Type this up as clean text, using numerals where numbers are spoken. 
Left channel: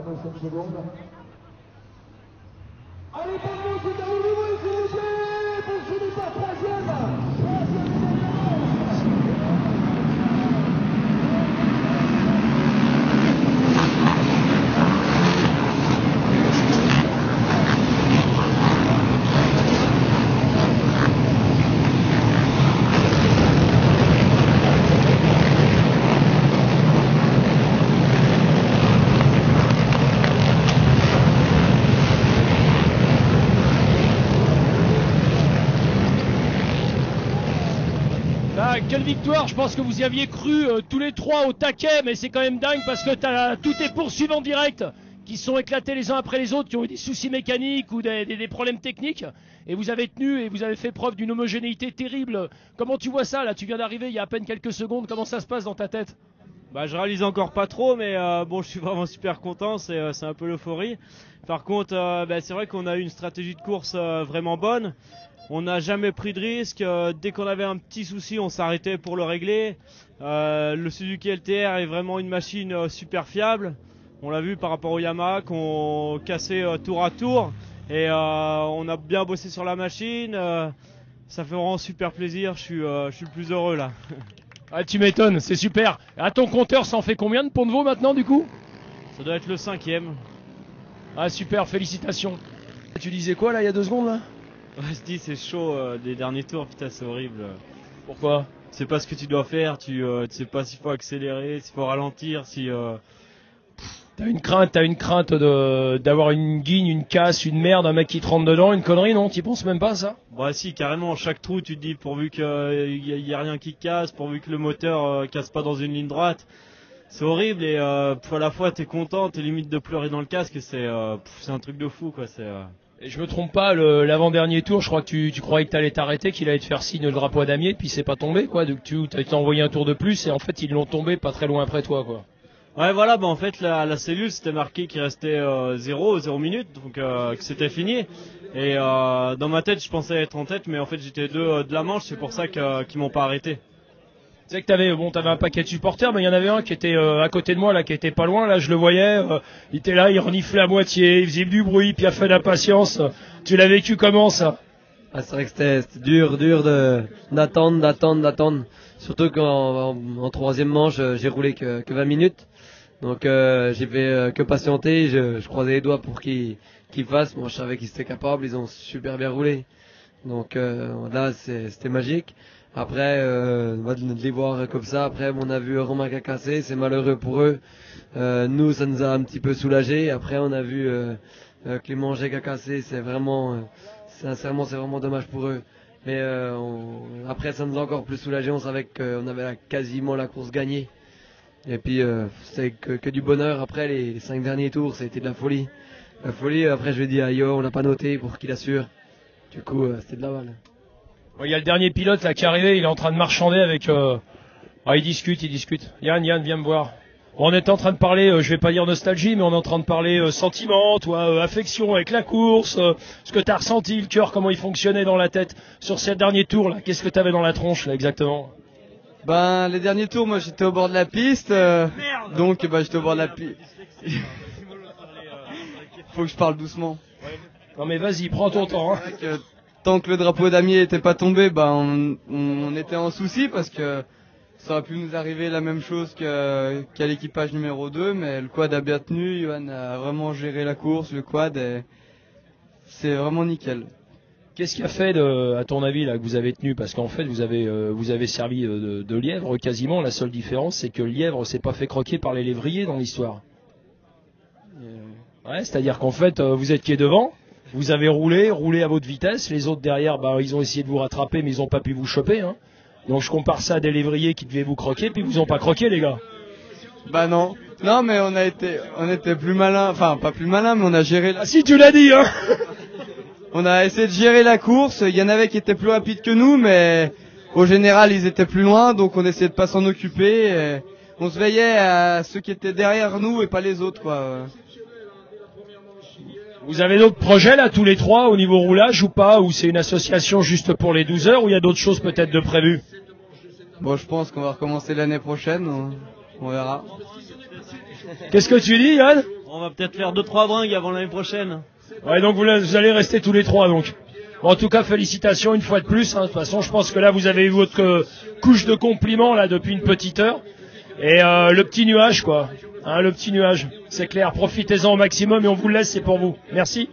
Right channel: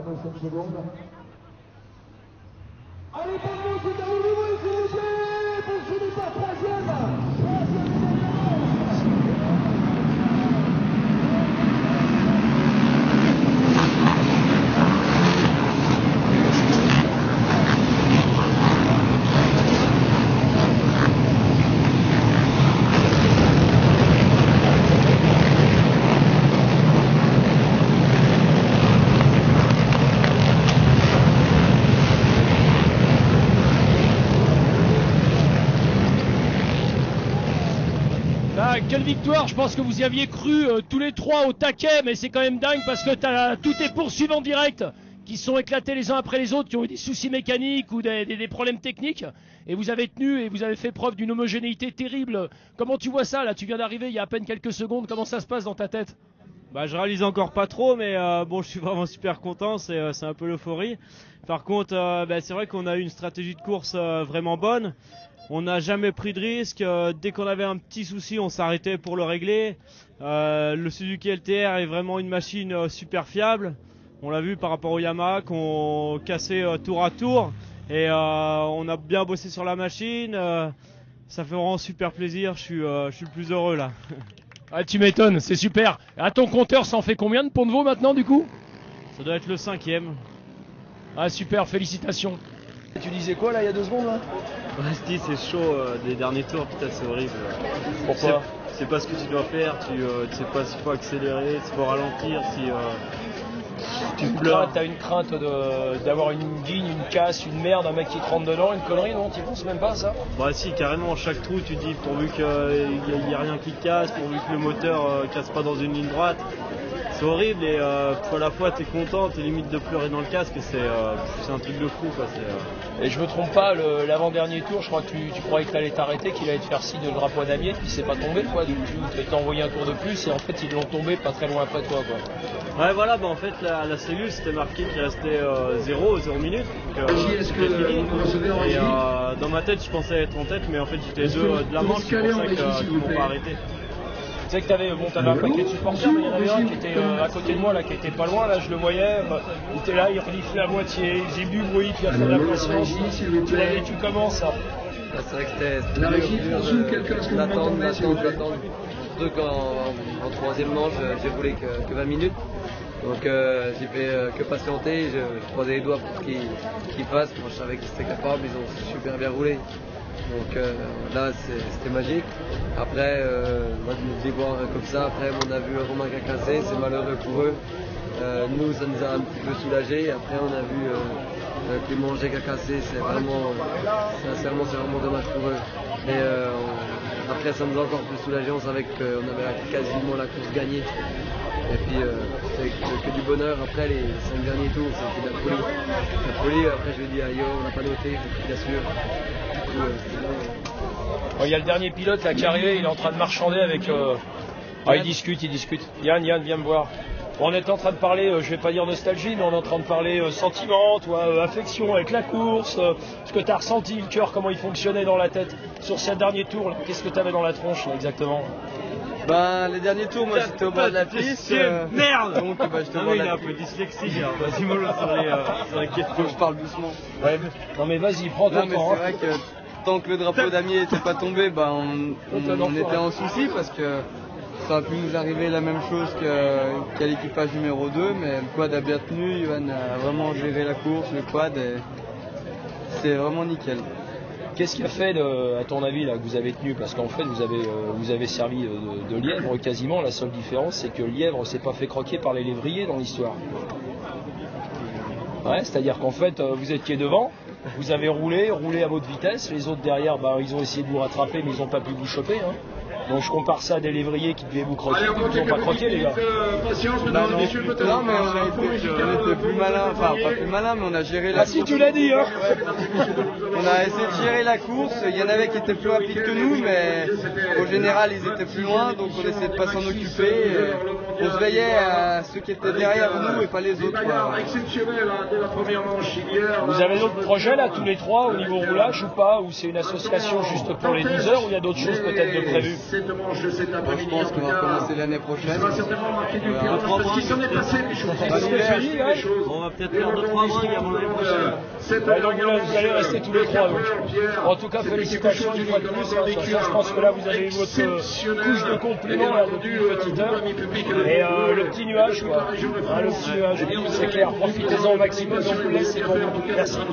25 secondes. Allez, pour nous, c'est à nouveau, s'il vous plaît, pour finir par troisième. Quelle victoire, je pense que vous y aviez cru tous les trois au taquet, mais c'est quand même dingue parce que tu as tous tes poursuivants directs qui sont éclatés les uns après les autres, qui ont eu des soucis mécaniques ou des problèmes techniques, et vous avez tenu et vous avez fait preuve d'une homogénéité terrible. Comment tu vois ça là? Tu viens d'arriver il y a à peine quelques secondes, comment ça se passe dans ta tête? Bah, je réalise encore pas trop, mais bon, je suis vraiment super content, c'est un peu l'euphorie. Par contre, c'est vrai qu'on a eu une stratégie de course vraiment bonne. On n'a jamais pris de risque. Dès qu'on avait un petit souci, on s'arrêtait pour le régler. Le Suzuki LTR est vraiment une machine super fiable. On l'a vu par rapport au Yamaha qu'on cassait tour à tour. Et on a bien bossé sur la machine. Ça fait vraiment super plaisir. Je suis le plus heureux là. Ah, tu m'étonnes, c'est super. À ton compteur, ça en fait combien de Pont de Vaux maintenant du coup? Ça doit être le 5e. Ah super, félicitations. Tu disais quoi là il y a 2 secondes là? Resti, c'est chaud les derniers tours, putain c'est horrible. Pourquoi? Tu sais pas ce que tu dois faire, tu sais pas s'il faut accélérer, s'il faut ralentir, si... T'as une crainte d'avoir une guigne, une casse, une merde, un mec qui te rentre dedans, une connerie, non? T'y penses même pas ça? Bah si, carrément, chaque trou tu dis pourvu qu'il n'y a rien qui casse, pourvu que le moteur casse pas dans une ligne droite. C'est horrible et à la fois t'es content, t'es limite de pleurer dans le casque et c'est un truc de fou quoi. Et je me trompe pas, l'avant-dernier tour, je crois que tu croyais que t'allais t'arrêter, qu'il allait te faire signe de drapeau à damier, puis c'est pas tombé quoi. Donc tu as été envoyé un tour de plus et en fait ils l'ont tombé pas très loin après toi quoi. Ouais voilà, bah en fait la cellule c'était marqué qu'il restait 0 minutes, donc c'était fini. Et dans ma tête je pensais être en tête mais en fait j'étais deux de la manche, c'est pour ça qu'ils m'ont pas arrêté. Tu sais que t'avais un paquet de supporters, mais il y en avait un qui était à côté de moi, là, qui était pas loin, là, je le voyais, il était là, il reniflait à moitié, il faisait du bruit, puis il a fait d'impatience. Tu l'as vécu comment ça? C'est vrai que c'était dur d'attendre. Surtout qu'en troisième manche, j'ai roulé que 20 minutes. Donc j'ai fait que patienter, je croisais les doigts pour qu'ils fassent, je savais qu'ils étaient capables, ils ont super bien roulé. Donc là c'était magique. Après de les voir comme ça, après on a vu Romain qui a cassé, c'est malheureux pour eux. Nous ça nous a un petit peu soulagés. Après on a vu Clément G qui a cassé, sincèrement c'est vraiment dommage pour eux. Mais après ça nous a encore plus soulagés, on savait qu'on avait quasiment la course gagnée. Et puis c'était que du bonheur. Après les 5 derniers tours c'était de la folie. La folie, après je vais dire Ayo, on n'a pas noté, il faut qu'il assure. Il y a le dernier pilote là qui est arrivé, il est en train de marchander avec... il discute. Yann, viens me voir. On est en train de parler, je vais pas dire nostalgie, mais on est en train de parler sentiment, toi, affection avec la course, ce que tu as ressenti, le cœur, comment il fonctionnait dans la tête. Sur ces derniers tours, là, qu'est-ce que tu avais dans la tronche là, exactement? Les derniers tours, moi j'étais au bord de la piste, donc j'étais au bord de la piste. Un peu dyslexie, vas-y mollo sur les questions. Faut que je parle doucement. Ouais. Non mais vas-y, prends ton temps. C'est vrai que tant que le drapeau damier n'était pas tombé, on était en souci parce que ça aurait pu nous arriver la même chose qu'à l'équipage numéro 2, mais le quad a bien tenu, Johan a vraiment géré la course, le quad, et c'est vraiment nickel. Qu'est-ce qui a fait, à ton avis, là, que vous avez tenu? Parce qu'en fait, vous avez servi de lièvre quasiment. La seule différence, c'est que le lièvre s'est pas fait croquer par les lévriers dans l'histoire. Ouais, c'est-à-dire qu'en fait, vous étiez devant, vous avez roulé à votre vitesse. Les autres derrière, ils ont essayé de vous rattraper, mais ils n'ont pas pu vous choper. Hein. Donc je compare ça à des lévriers qui devaient vous croquer, puis ils vous ont pas croqué, les gars. Non, mais on était plus malin, enfin pas plus malin, mais on a géré la... Ah si, tu l'as dit, hein. On a essayé de gérer la course, il y en avait qui étaient plus rapides que nous, mais au général ils étaient plus loin, donc on essayait de pas s'en occuper. Et on se veillait à ceux qui étaient derrière nous et pas les autres. Vous avez d'autres projets là, tous les trois, au niveau roulage ou pas? Ou c'est une association juste pour les 12 heures, ou il y a d'autres choses peut-être de prévues? Je pense qu'on va recommencer l'année prochaine. Qu'est-ce que tu dis, Yann? On va peut-être faire 2-3 bringues avant l'année prochaine. Ouais, donc vous allez rester tous les trois donc. En tout cas, félicitations une fois de plus. Hein. De toute façon, je pense que là, vous avez eu votre couche de compliments là depuis une petite heure. Et le petit nuage, quoi. Hein, le petit nuage, c'est clair. Profitez-en au maximum et on vous laisse, c'est pour vous. Merci.